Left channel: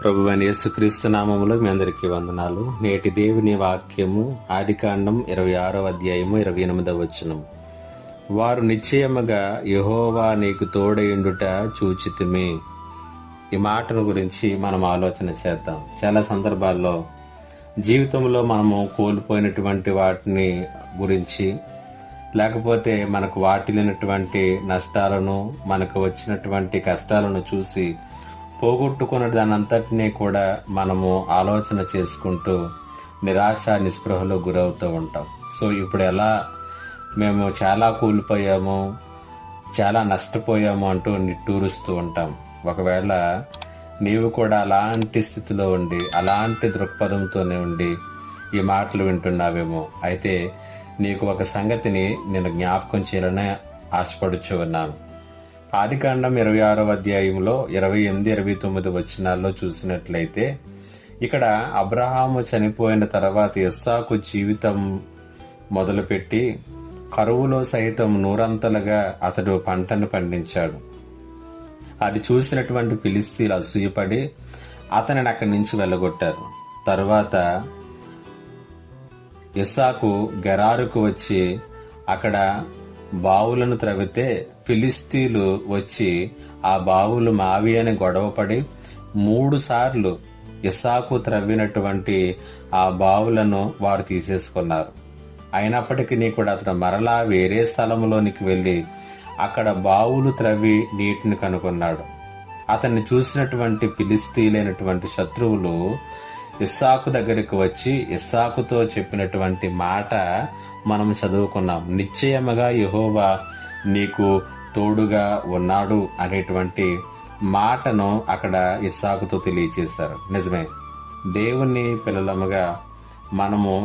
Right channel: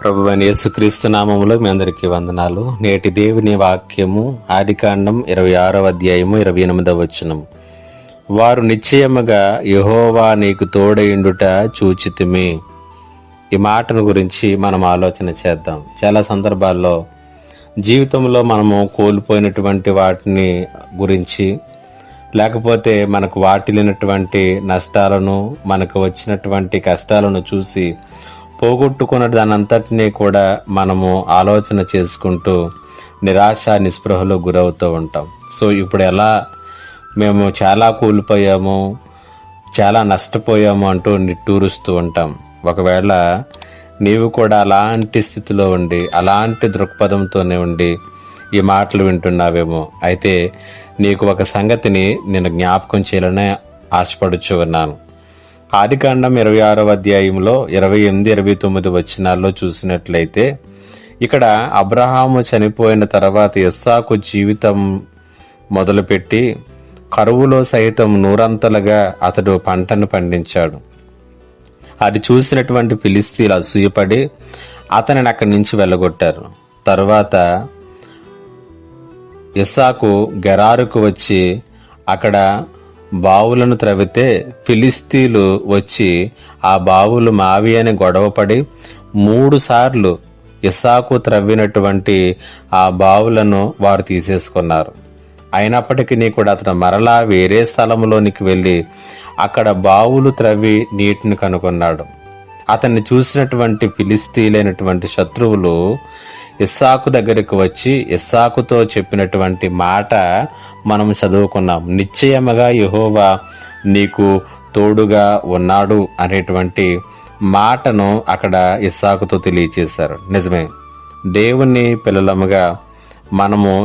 ప్రభువైన యేసుక్రీస్తు నామములో మీ అందరికీ వందనాలు. నేటి దేవుని వాక్యము ఆదికాండం 26వ అధ్యాయము 28వ వచనం. వారు నిశ్చయముగా యెహోవా నీకు తోడయుండుట చూచితిమి. ఈ మాటను గురించి మనం ఆలోచన చేద్దాం. చాలా సందర్భాల్లో జీవితంలో మనము కోల్పోయినటువంటి వాటిని గురించి, లేకపోతే మనకు వాటిల్లినటువంటి నష్టాలను, మనకు వచ్చినటువంటి కష్టాలను చూసి పోగొట్టుకున్న దానంతటినీ కూడా మనము ఆలోచన చేసుకుంటూ నిరాశ నిస్పృహలో గురవుతూ ఉంటాం. సో ఇప్పుడు ఎలా మేము చాలా కోల్పోయాము, చాలా నష్టపోయాము అంటూ నిట్టూరుస్తూ ఉంటాం. ఒకవేళ నీవు కూడా అలాంటి స్థితిలో ఉండి, అలాంటి దృక్పథంతోనే ఉండి ఈ మాటలు వింటున్నావేమో. అయితే నీకు ఒక సంగతిని నేను జ్ఞాపకం చేయాలనే ఆశపడుచు ఉన్నాను. ఆదికాండం 26వ అధ్యాయంలో 28, 29 వచనాల్లో చూసినట్లయితే, ఇక్కడ అబ్రహాము చనిపోయిన తర్వాత ఇస్సాకు జీవితం మొదలుపెట్టి కరువులో సైతం నూరంతలుగా అతడు పంటను పండించాడు. అది చూసినటువంటి ఫిలిస్తీన్లు అసూయపడి అతనిని అక్కడి నుంచి వెళ్ళగొట్టారు. తర్వాత ఇస్సాకు గెరారుకు వచ్చి అక్కడ బావులను త్రవ్వితే ఫిలిస్తీన్లు వచ్చి ఆ బావులు మావి అని గొడవపడి 3 సార్లు ఇస్సాకు త్రవ్వినటువంటి ఆ బావులను వారు తీసేసుకున్నారు. అయినప్పటికీ కూడా అతను మరలా వేరే స్థలంలోనికి వెళ్ళి అక్కడ బావులు త్రవ్వి నీటిని కనుగొన్నాడు. అతన్ని చూసినటువంటి ఫిలిస్తీన్లైనటువంటి శత్రువులు ఇస్సాకు దగ్గరికి వచ్చి ఇస్సాకుతో చెప్పినటువంటి మాట మనం చదువుకున్నాం. నిశ్చయముగా యెహోవా నీకు తోడుగా ఉన్నాడు అనేటువంటి మాటను అక్కడ ఇస్సాకుతో తెలియచేశారు. నిజమే, దేవుని పిల్లలముగా మనము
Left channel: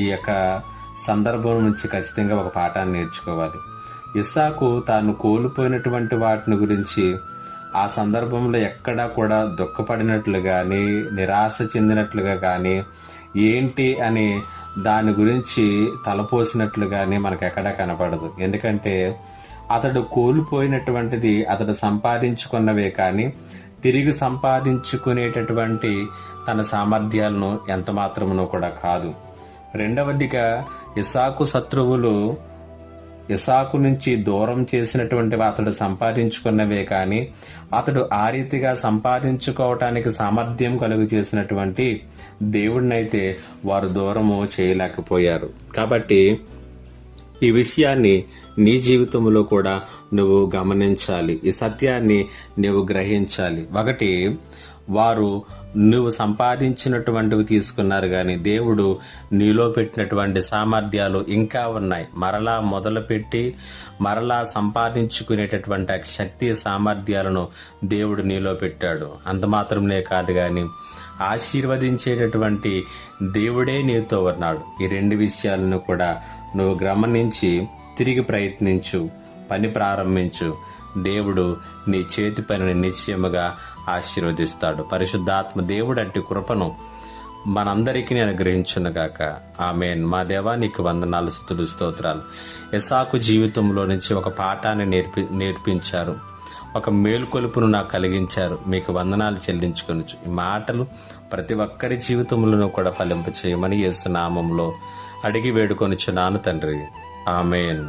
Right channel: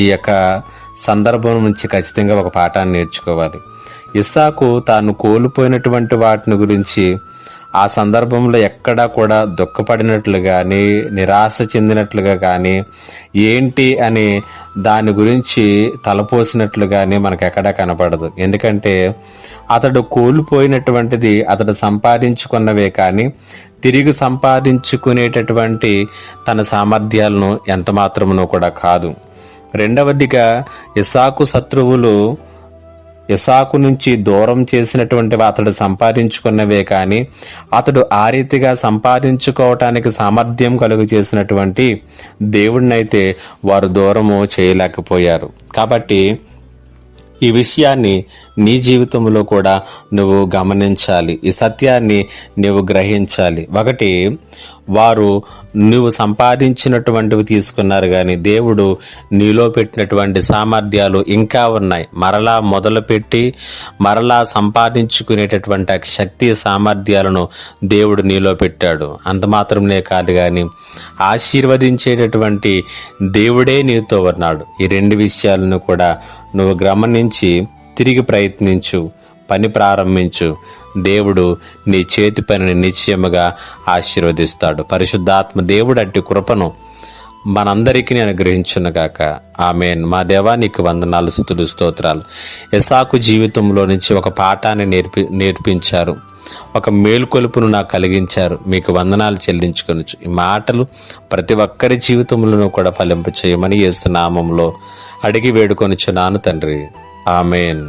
ఈ యొక్క సందర్భం నుంచి ఖచ్చితంగా ఒక పాఠాన్ని నేర్చుకోవాలి. ఇస్సాకు తాను కోల్పోయినటువంటి వాటిని గురించి ఆ సందర్భంలో ఎక్కడా కూడా దుఃఖపడినట్లు కానీ, నిరాశ చెందినట్లుగా కానీ, ఏంటి అని దాని గురించి తలపోసినట్లు కానీ మనకు ఎక్కడా కనపడదు. ఎందుకంటే అతడు కోల్పోయినటువంటిది అతడు సంపాదించుకున్నవే కానీ తిరిగి సంపాదించుకునేటటువంటి తన సామర్థ్యాలను ఎంత మాత్రమునో కూడా కాదు. రెండవదిగా ఇస్సాకు శత్రువులు ఇస్సాకు నుంచి దూరం చేసినటువంటి అతడు సంపాదించుకున్నవే కానీ అతడు ఆ రీతిగా సంపాదించుకోవటానికి సామర్థ్యం కలుగు చేసినటువంటి దేవుడినైతే వారు దూరము చేయలేకపోయారు. కాబట్టి ఈ విషయాన్ని నీ జీవితంలో కూడా నువ్వు గమనించాలి. ఈ సత్యాన్ని నువ్వు గ్రహించాలి. ఒకటి, వారు నువ్వు సంపాదించినటువంటివి తీసుకున్నారు కానీ దేవుడు నీలో పెట్టినటువంటి సామర్థ్యాలు ఇంకా ఉన్నాయి. మరలా మొదలుపెట్టి మరలా సంపాదించుకునేటటువంటి శక్తి సామర్థ్యాలను దేవుడు నీలో పెట్టాడు. అంత మాత్రమే కాదు కానీ ఆశీర్వదించేటటువంటి దేవుడే నీతో ఉన్నాడు. ఈ 2 విషయాలను కూడా నువ్వు గమనించి తిరిగి ప్రయత్నించు, పని ప్రారంభించు. దేవుడు నీ చేతి పనిని నిశ్చయముగా ఆశీర్వదిస్తాడు. పరిశుద్ధాత్మ దేవుడు అట్టి కృపను మనందరికీ అనుగ్రహించునుగాక. ఆమేన్. మా దేవా, నీకు వందనాలు, స్తుతులు, స్తోత్రాలు. ఇస్సాకు జీవితంలో నుంచి ఒక పాఠాన్ని నేర్పించారు, ఒక మేల్కొలుపును నాకు కలిగించారు. మీకు వందనాలు చెల్లించుకొనొచ్చు. ఈ మాటలు ప్రతి ఒక్కరి జీవితంలోనూ కూడా ఫలింప చేయమని యేసు నామములో అడిగి వేడుకొనుచున్నాను తండ్రి. ఆమేన్.